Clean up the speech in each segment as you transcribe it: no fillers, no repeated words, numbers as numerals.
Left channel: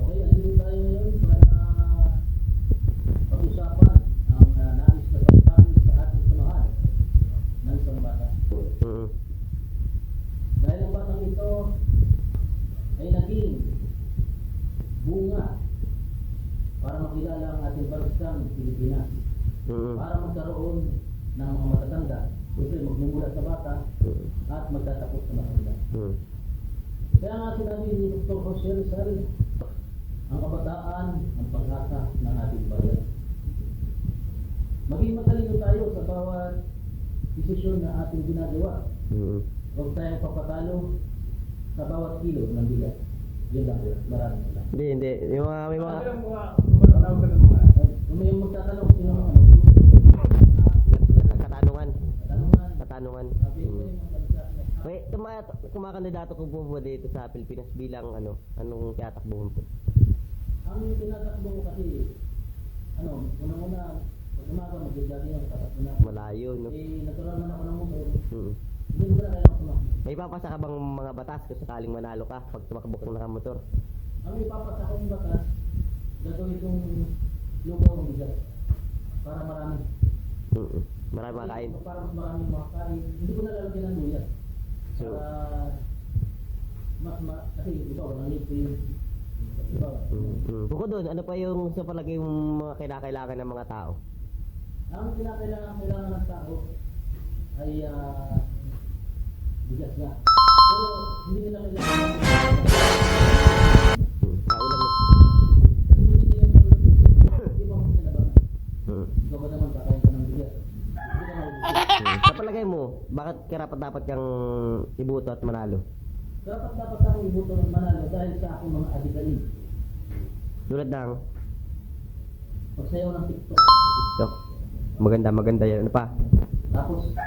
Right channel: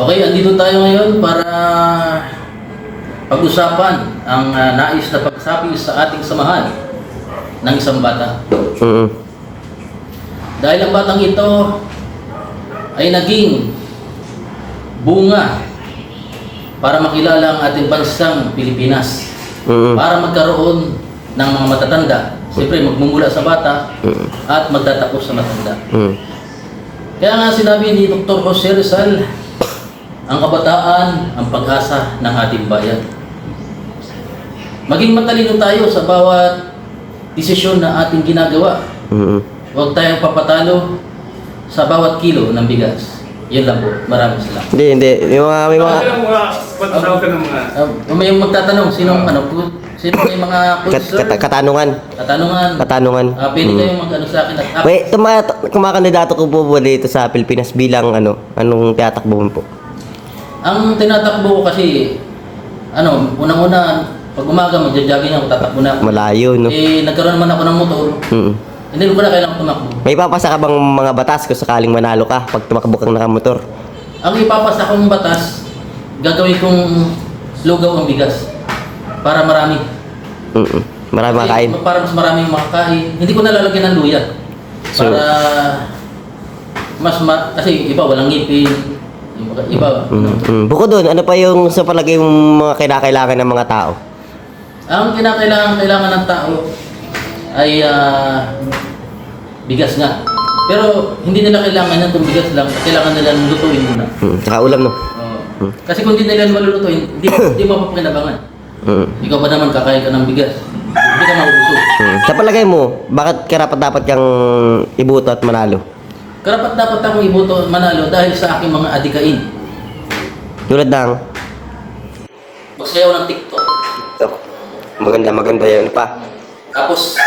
Okay, andito tayo ngayon para pag-usapan ang nais na pagsabi sa ating samahan ng isang bata. Dahil ang batang ito ay naging bunga para makilala ang ating bansang Pilipinas. Para magkaroon ng mga matatanda. Siyempre, magmumula sa bata at magtatapos sa matanda. Kaya nga sinabi ni Dr. Jose Rizal, ang kabataan, ang pag-asa ng ating bayan. Maging matalino tayo sa bawat desisyon na ating ginagawa. Huwag tayong papatalo sa bawat kilo ng bigas. Yun lang po. Maraming salamat. Hindi. May mga... Patawag ka ng mga... May magtatanong, sino may mga question? Katanungan. Pwede kayong mag-ano sa akin at Wait, kumakandidato ko po dito sa Pilipinas bilang anong tinatakbo mo po? ang tinatakbo ko kasi, unang-una, pag umaga magja-jogging ako, tatakbo na ako. Malayo, no? Nagkaroon naman ako ng motor. Hindi ko na kailangan tumakbo. May ipapasa ka bang mga batas kung sakaling manalo ka pag tumakbo kang nakamotor? Ang ipapasa kong batas, gagawin kong lugaw ang bigas. Para marami. Marami makain. Para mas maraming makakain. Hindi ko nalalagyan ng luya. Para kasi iba walang ngipin. Iba. Bukod doon, ano pa yung sa palagay yung mga kinakailangan ng mga tao? Ang kailangan ng tao ay bigas nga. Pero hindi nila kailangan ng bigas lang. Kailangan nila lutuin muna. Tsaka ulam, no? Kasi kung hindi nila malulutuin, hindi mo papakinabangan. Ikaw ba naman kakain ka ng bigas? Hindi ka maubusog. Sa palagay mo, bakit dapat kang iboto at manalo? Karapat dapat akong iboto manalo dahil sa aking mga adikain. Tulad ng... Magsayaw ng TikTok. Maganda yun pa. Tapos,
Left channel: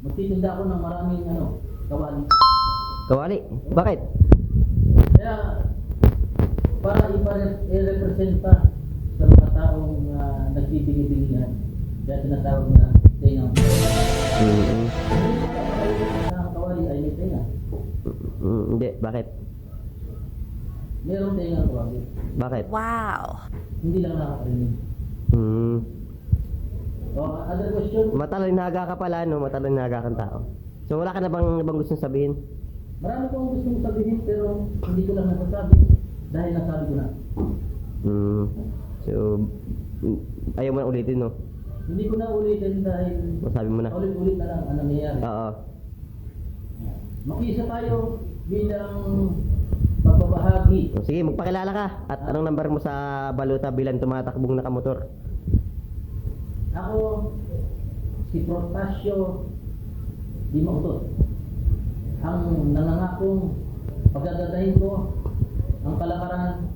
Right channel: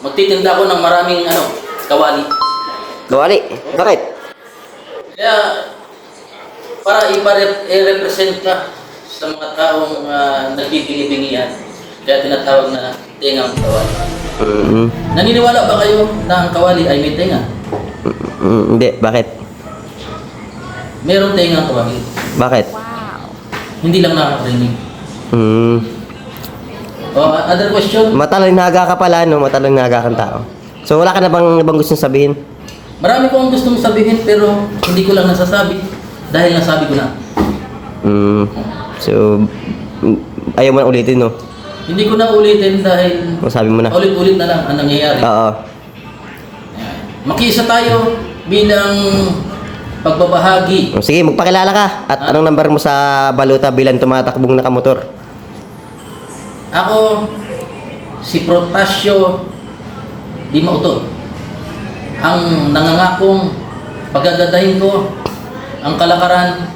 magtitinda ako ng maraming kawali. Kawali? Bakit? Kaya, para i-represent ka sa mga taong nagbibingi-bingihan. Kaya tinatawag na tingang kawali. Naniniwala ba kayo na ang kawali ay may tenga? Hindi. Bakit? Meron tengang kawali. Bakit? Wow. Hindi lang nakakarinig. Other question? Matalinaga ka pala, no? Matalinaga kang tao. So, wala ka na bang ibang gustong sabihin? Marami ko ang gustong sabihin pero hindi ko lang nasasabi dahil nasabi ko na. So, ayaw mo na ulitin, no? Hindi ko na ulitin dahil Masabi mo na. ulit-ulit na lang ang nangyayari. Oo. Makiisa tayo bilang pagbabahagi. Sige, magpakilala ka. At anong number mo sa baluta bilang tumatakbong nakamotor? Ako, si Protasio Di Mauto. Ang nangangakong pagagandahin ko ang kalakaran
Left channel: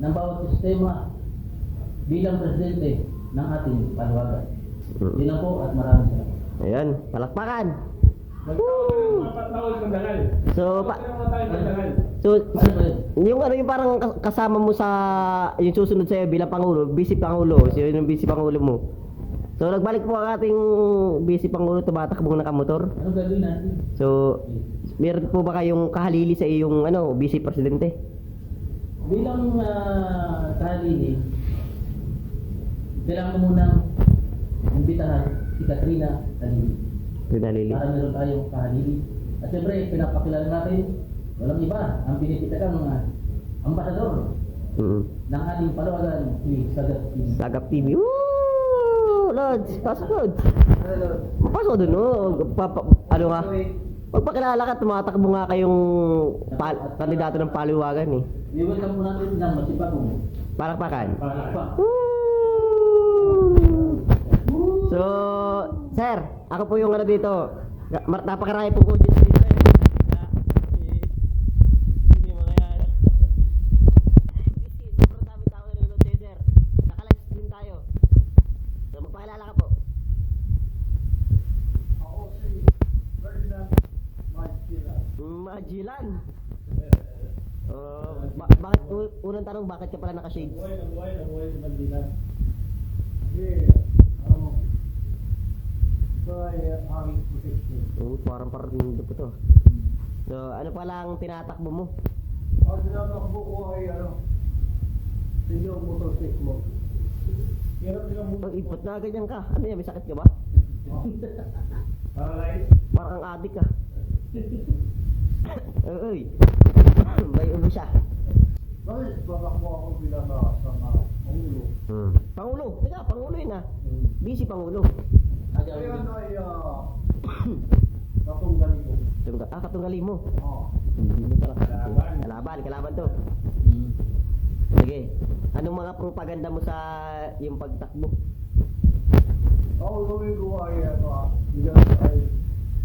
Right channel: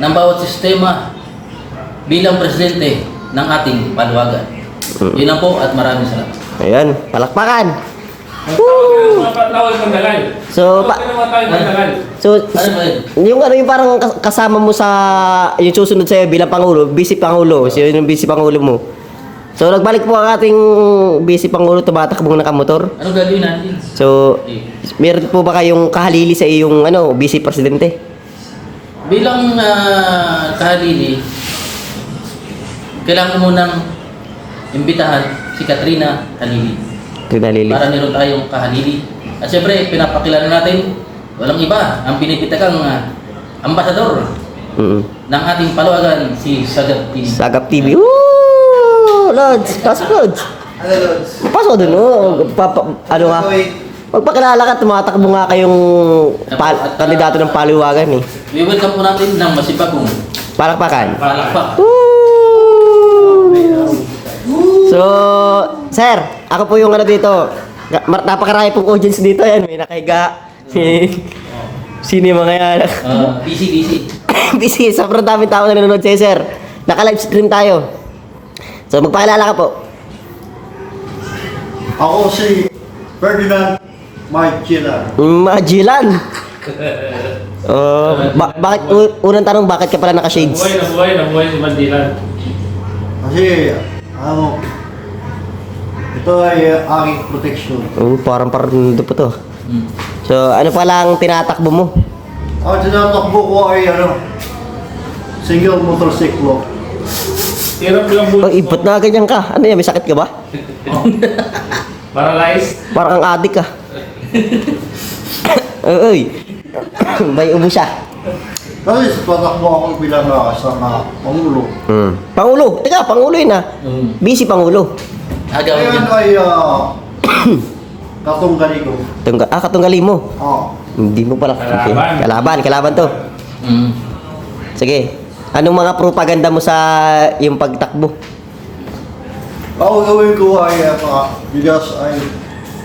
ng bawat sistema bilang presidente ng ating paluwagan. Yun lang po at maraming salamat. Ayan, palakpakan! Tawag ng dalay. So, yung parang kasama mo sa yung susunod sa'yo bilang Pangulo, Vice Pangulo, so yun yung Vice Pangulo mo. So, nagbalik po ang ating Vice Pangulo, tumatakbong nakamotor. Ano gagawin natin? So, meron po ba kayong kahalili sa iyong Vice Presidente? Bilang kahalili, kailangan mo munang imbitahan si Katrina Halili. Kahalili. Para meron tayong kahalili. At syempre, pinapakilala natin, walang iba, ang pinipitagang ambasador ng ating paluwagan, si Sagap TV. Sagap TV. Woo! Lods! Pasok, Lods! Ano, Lods? Pasok doon, no? Magpakilala ka, tumatakbo nga kayong kandidato ng paluwagan, eh. We welcome po natin ng masipagong Palakpakan. palakpak. So, sir, ako po yung dito. Napakarami pong audience dito yan. May nakahiga. Sino yung mga yan? Busy. Busy. Sobrang daming tao na nanonood sa'yo, sir. Naka-live stream tayo. So, magpakilala ka po. Ako si Ferdinand Magellan. Magellan. Bakit, unang tanong, bakit ka pala naka-shades? Nabuhay si Mandilan. Kasi, ito ay aking protection. Parang ito po to. So, ano pala ang tinatakbo mo? Ang tinatakbo ko ay single motorcycle. Hirap lang Oh, ibot na ganyan ka. Ano yan, may sakit ka ba? Paralyzed. Parang kang adik ka. Uy. May ubo siya. Kasi tatakbo ako bilang isang pangulo. Pangulo. Teka, Pangulo yun ah. Busy Pangulo. Agaw Ngayon yan. ay katunggali ko. Katunggali mo. Hindi mo pala. Kalaban. Kalaban to. Mm. Sige. Anong mga propaganda mo sa yung pagtakbo? Ako gawin ko ay bigas ay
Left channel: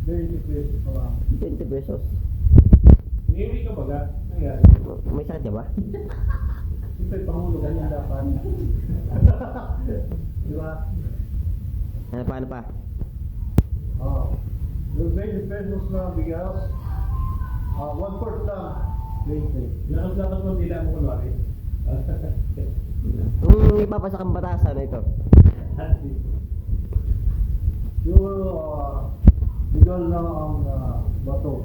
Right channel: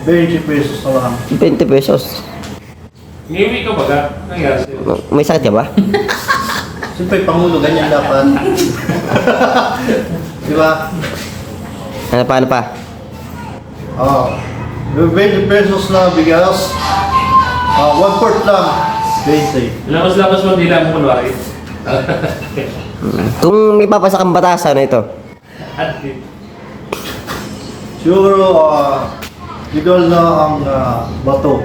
20 pesos na lang. 20 pesos. Ngiwi ka ba ka? Nangyari sa'yo? May sakit ka ba? Siyempre, pangulo, ganyan dapat. Di ba? Ano pa? Yung 20 pesos na bigas, 1/4 lang, 20. Labas-labas mo dila mo kunwari. Kung may papasa kang batasan na ito. At Siguro, legal na ang bato.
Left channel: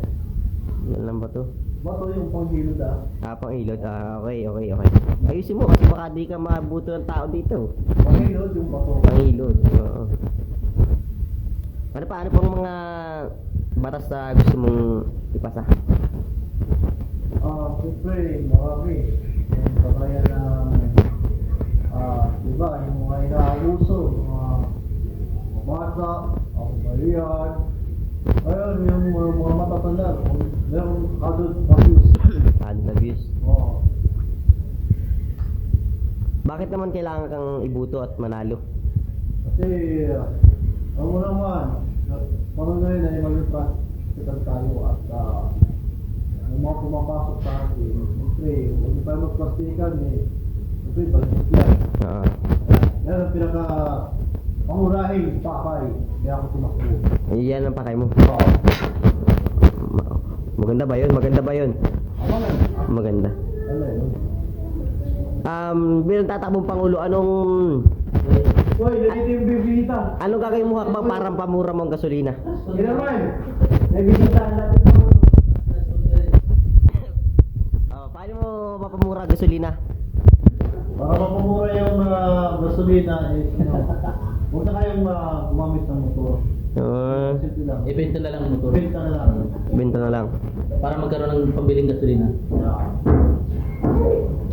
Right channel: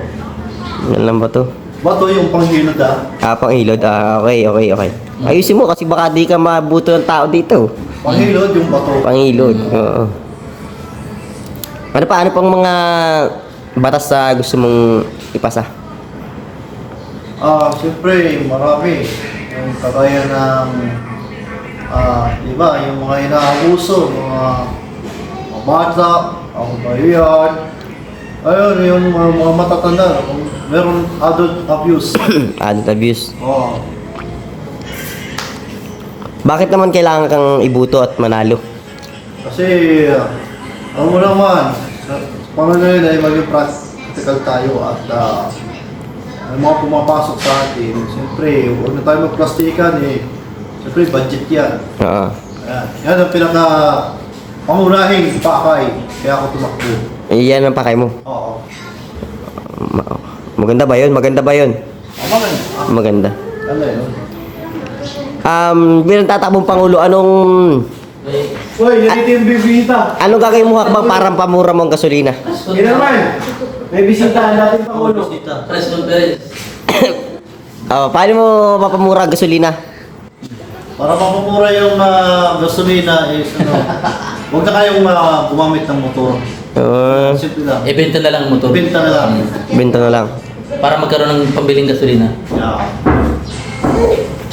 Ano lang ba to? Bato yung panghilod Pang-ilod. Okay. Ayusin mo kasi baka di ka mabuto ng tao dito. Panghilod yung bato. Pang-ilod. Oo. Ano pang mga batas na gusto mong ipasa? Siyempre, marami. Yung kagaya ng, diba, yung mga inaabuso, mga bata, ang bayan. Ayun, yung mga matatanda. Meron adult abuse. Adult abuse. Oo. Bakit naman kailangan kang ibuto at manalo? Kasi, alam mo naman, sa pangalan ay maging practical tayo at ang mga pumapasok sa atin, siyempre, huwag na tayo magplastikan siyempre, budget yan. Oo. Yan ang pangunahing pakay, kaya ako tumakbo. Yan ang pakay mo. Oo. Maganda ba yun? Maganda. Ano yun? Bilang tatakbong Pangulo, anong Dito yung bibita. gagawin mo hakbang parang pamura mo ang gasolina? Naman, may bisita natin Pangulo. Press conference. Paano mo mapamura ang gasolina? Para mapamura yung gasolina huwag na kayong gumamit ng motor. Simple lang. Ibenta na lang ang motor. Benta na lang. Benta na lang. Para magkaroon ng pambiling gasolina. Yeah.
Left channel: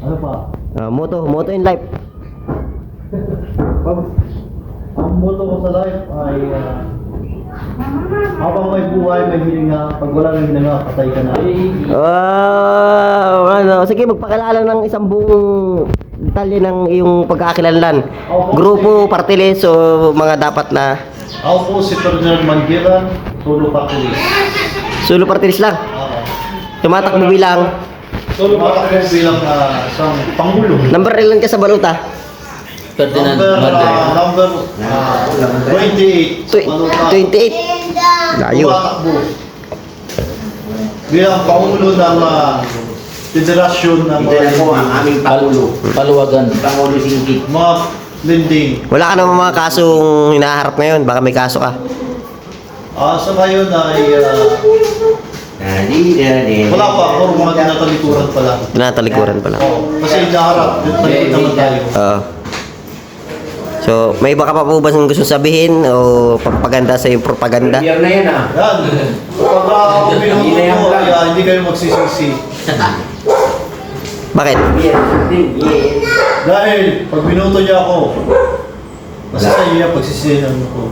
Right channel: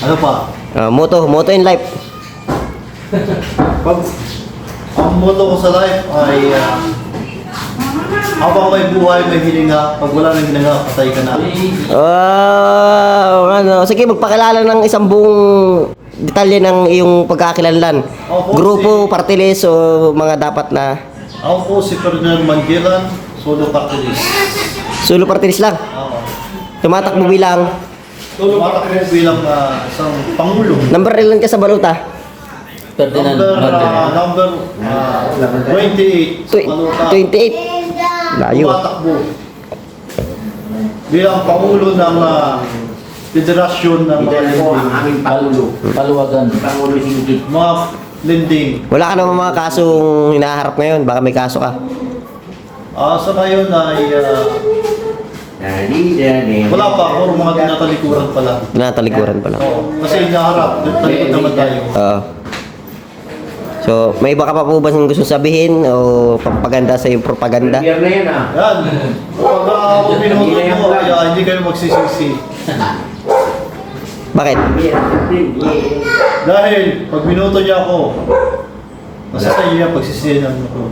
Ano pa? Moto in life. Ang motto ko sa life ay habang may buhay, may hininga. Pag wala nang hininga, patay ka na. Sige, magpakilala ng isang buong detalye ng iyong pagkakakilanlan. Opo, Grupo, party list, o mga dapat na Ako po si Ferdinand Mangilan, solo party list. solo party list lang. Oo. Tumatakbo bilang Tumatakbo bilang isang pangulo. number ilan ka sa baluta? Ferdinand Number Martin. 28. Manuta. 28. Layo. Tumatakbo bilang pangulo ng federasyon ng mga lending. Paluwagan. Mga lending. Wala ka naman mga kasong hinaharap ngayon, baka may kaso ka. Sa ngayon ay wala pa, puro mga tinatalikuran pa lang. Tinatalikuran pa lang. Kasi inaharap, talikod naman tayo. So, may iba ka pa po ba gusto sabihin o pampaganda sa yung propaganda? Yan. Pag binuto mo, hindi kayo magsisisi. Bakit? Dahil pag binuto niya ako, basta sa iyo yan pagsisihan ko.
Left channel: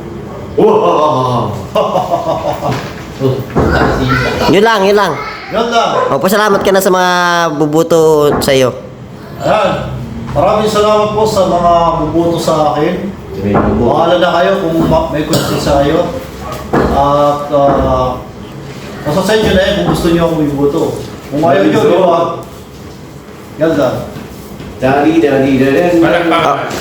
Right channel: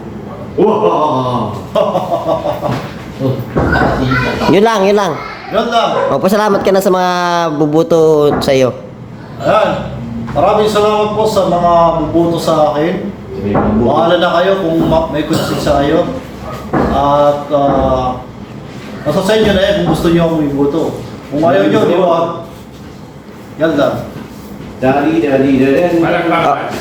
Yun lang. Yan lang. Pasalamat ka na sa mga bubuto sa iyo. Ayan. Maraming salamat po sa mga bubuto sa akin. Bahala na kayo kung may konsensya kayo. At nasa sa inyo na kung gusto niyo akong ibuto. Kung ayaw niyo, di ba? Yan lang.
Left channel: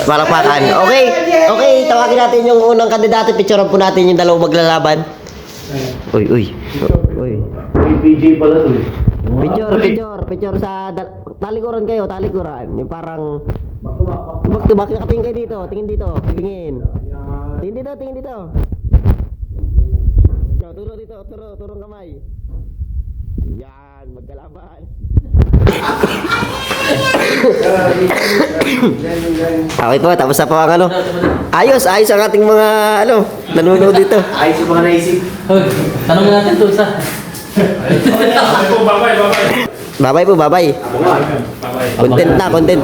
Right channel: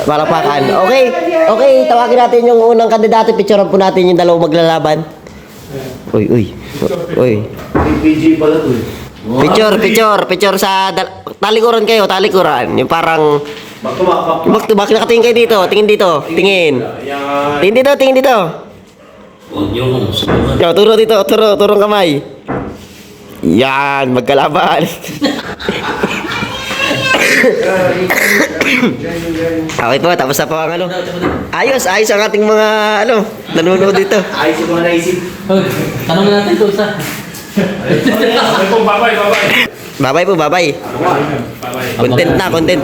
Palakpakan. Okay, tawagin natin yung unang kandidato. Picturean po natin yung dalawang maglalaban. Uy. PG pala to eh. Picture sa talikuran kayo, talikuran. Yung parang back to back, nakatingin kayo dito, tingin dito. Tingin dito. Yo, turo dito, turong kamay. Yan, magkalaban. Okay po, tapos na po ang ano. Ayos ang ating mga ano, nanonood dito. Ayos yung mga naisip. Hoy, tanongin natin to sa. Okay po, bye-bye. Bye-bye po, bye-bye. Bye-bye. Content na, content.